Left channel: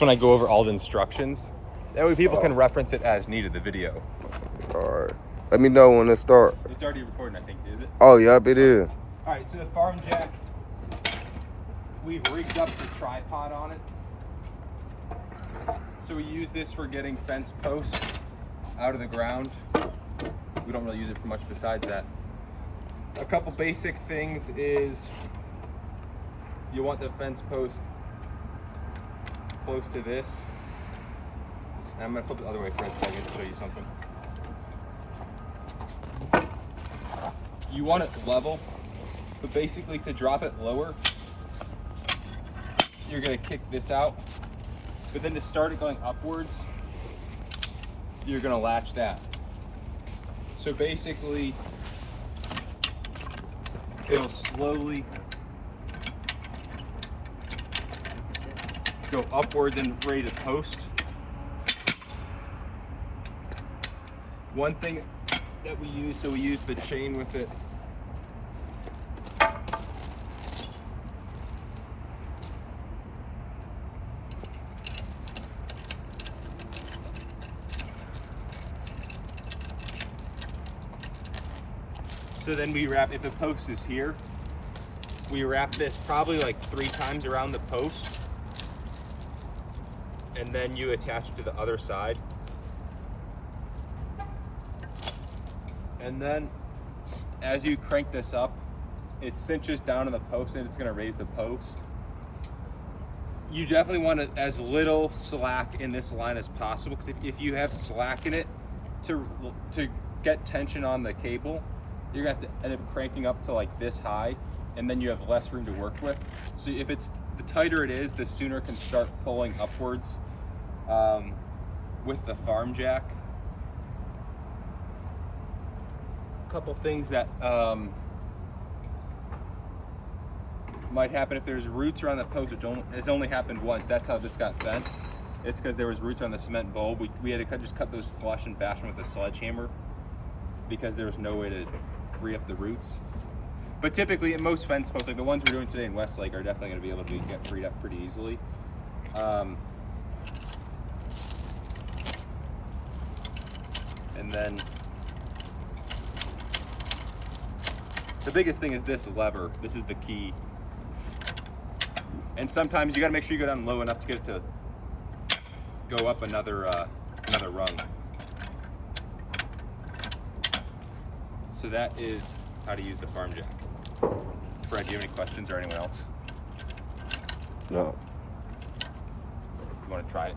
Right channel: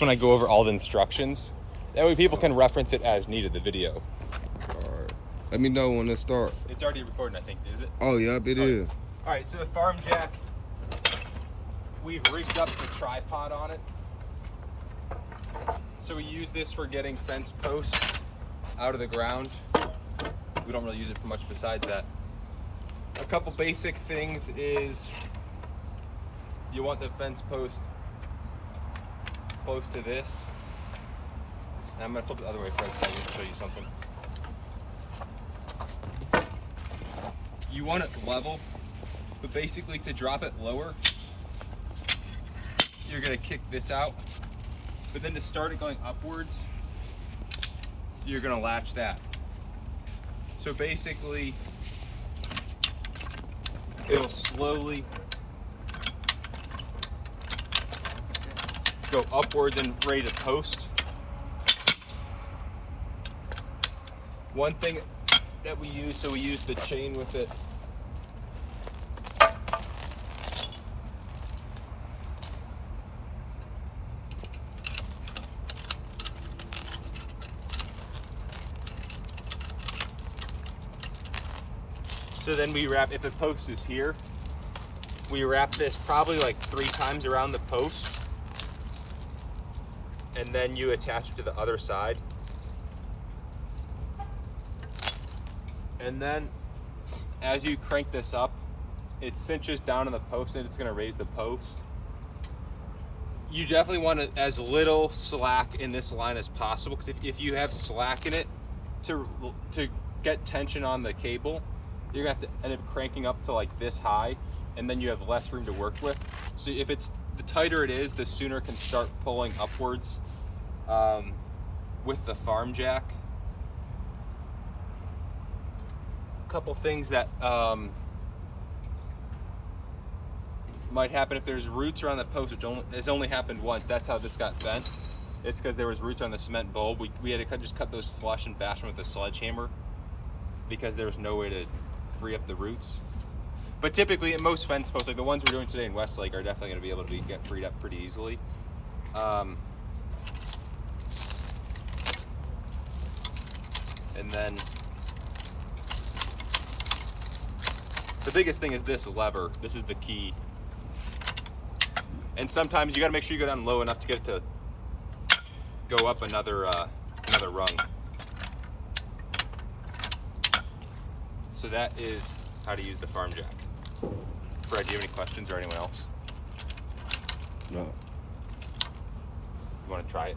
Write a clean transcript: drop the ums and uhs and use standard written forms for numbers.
when I go over all the instructions. That way people can reference it as needed, the video. All right. Let me know when it starts. It's already recording, I think, is it? Oh, yep, it is. All right, so the farm jack, we've rigged up the tripod on it. So we use this for getting fence posts out of the ground. We don't really use it for much besides that. A couple basic things is you want the fence post close to this. And I'm gonna flip it the other way for a second to show you something. You want it level, but basically to drop it lower, you're gonna kick this out. But then to start it going upwards, you're gonna latch that. So basically, it'll slowly go upwards and raise a post. One thing that we use, so we use the chain with it. So then we wrap, if the post is here, we wrap this probably like 3 times around the post, and then you attach it to the other side. And then as you crank this up, it cinches down on the post and it's gonna raise the post. You definitely want as little slack in this line as possible, because if you have slack in it, to get tension on the cable, you're gonna have to end up cranking up to like this high, and then you have less room to work with. So if it's, the tighter it is, the sooner it can start pulling upwards with the farm jack. Couple things that might happen if there's roots around the post, which has only happened once. That's how this got bent. It's because there was roots on the cement bulb. We had to just cut those flush and bash them with a sledgehammer because there was no way to free up the roots. But typically at most fence posts, like the ones we're doing today in Westlake, are definitely going to be able to get freed up pretty easily. And then the biggest thing is this lever. This is the key. And sometimes you gotta make sure you go down low enough to get it to go up another rung. So that is how to use the farm jack. Fred, do you have any questions or anyone else? No. You wanna try it?